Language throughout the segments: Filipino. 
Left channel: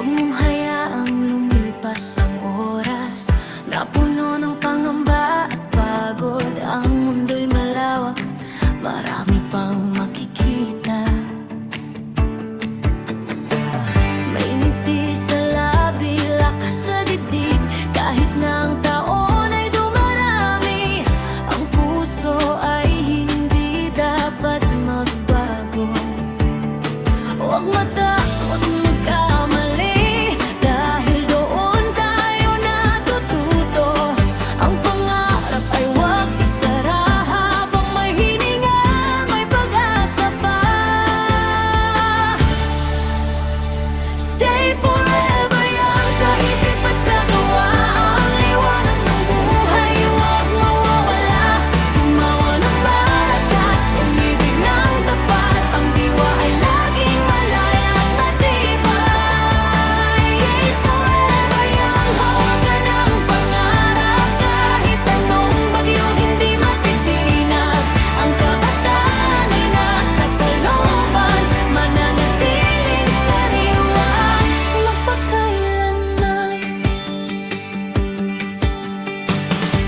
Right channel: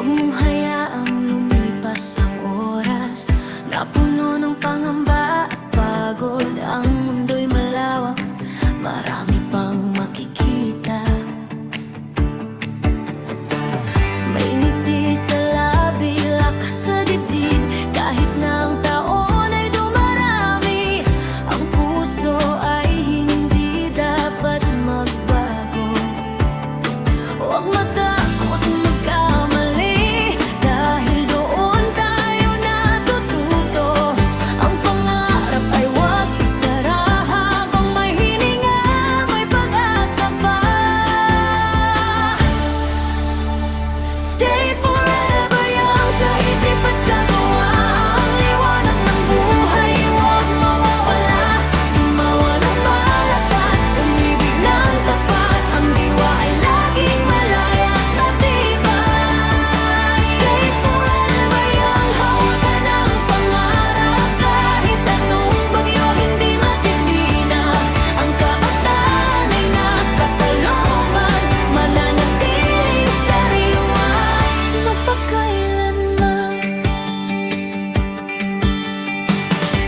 Huwag mong hayaang lumipas ang oras na puno ng pangamba at pagod. Ang mundo'y malawak, marami pang makikita. May ngiti sa labi, lakas sa dibdib, kahit na ang taon ay dumarami. Ang puso ay hindi dapat magbago. Huwag matakot magkamali, dahil doon tayo natututo. Ang pangarap ay huwag isara, habang may hininga, may pag-asa pa. Stay forever young sa isip at sa gawa. Ang liwanag ng buhay huwag mawawala. Tumawa ng malakas, umibig ng tapat. Ang diwa ay laging malaya at matibay. Stay forever young, hawakan ang pangarap. Kahit anong bagyo hindi matitinag. Ang kabataan ay nasa kalooban, mananatiling sariwa magpakailanman.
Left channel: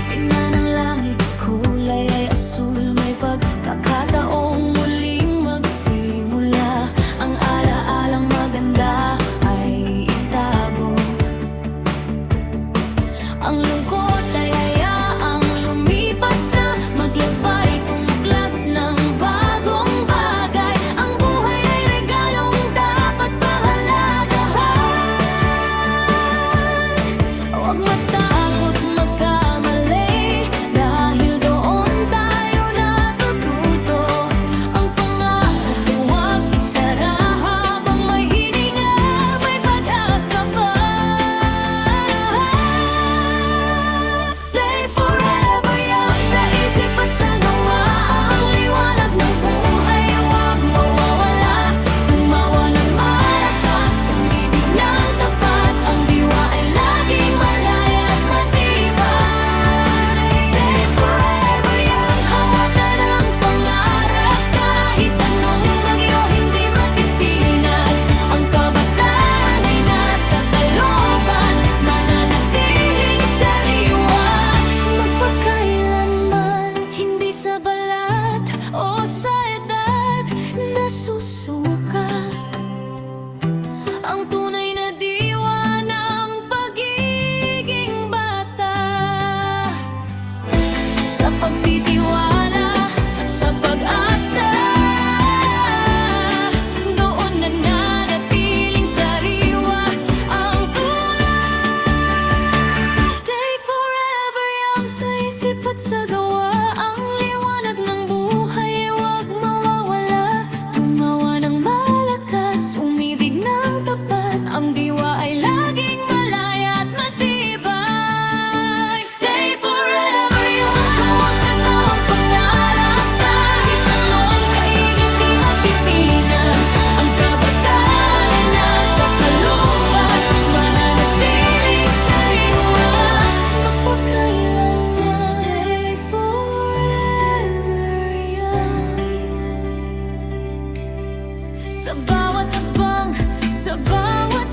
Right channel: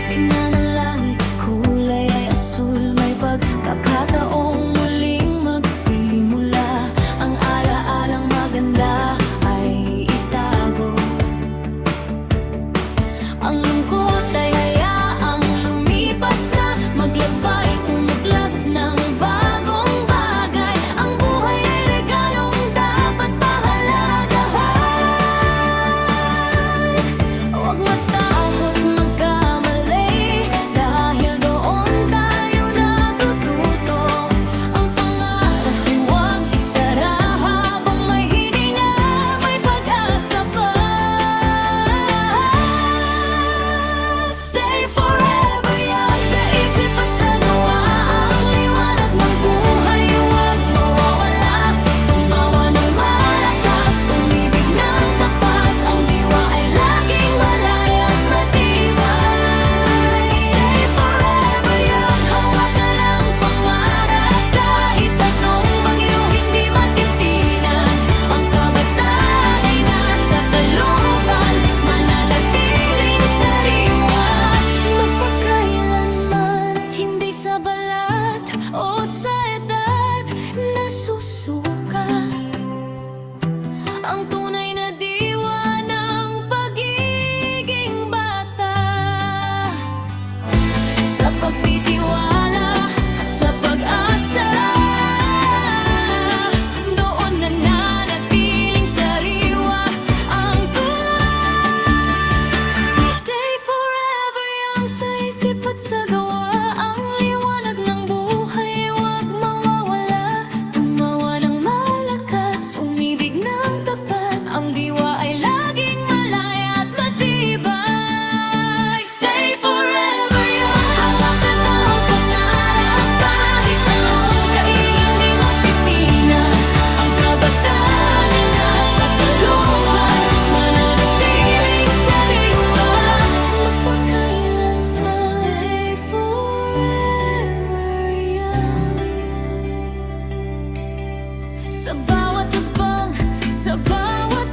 Tingnan ang langit, kulay ay asul. May pagkakataong muling magsimula. Ang alaalang maganda ay itago. Ang lungkot ay hayaang lumipas na. Maglakbay, tumuklas ng bagong bagay. Ang buhay ay regalong dapat pahalagahan. Huwag matakot magkamali, dahil doon tayo natututo. Ang pangarap ay huwag isara, habang may hininga, may pag-asa pa. Stay forever young sa isip at sa gawa. Ang liwanag ng buhay huwag mawawala. Tumawa ng malakas, umibig ng tapat. Ang diwa ay laging malaya at matibay. Stay forever young, hawakan ang pangarap. Kahit anong bagyo hindi matitinag. Ang kabataan ay nasa kalooban, mananatiling sariwa magpakailanman. Hindi sa balat o sa edad nasusukat ang tunay na diwa ng pagiging bata. Sa pagtitiwala, sa pag-asa, doon nananatiling sariwa ang tuwa. Stay forever young sa isip at sa gawa. Ang liwanag ng buhay huwag mawawala. Tumawa ng malakas, umibig ng tapat. Ang diwa ay laging malaya at matibay. Stay forever young, hawakan mo ang pangarap. Kahit anong kaiging di matitinag. Ang kabataan ay nasa kalooban, mananatiling sariwa magpakailanman. Stay forever young. Sa bawat habang, sa bawat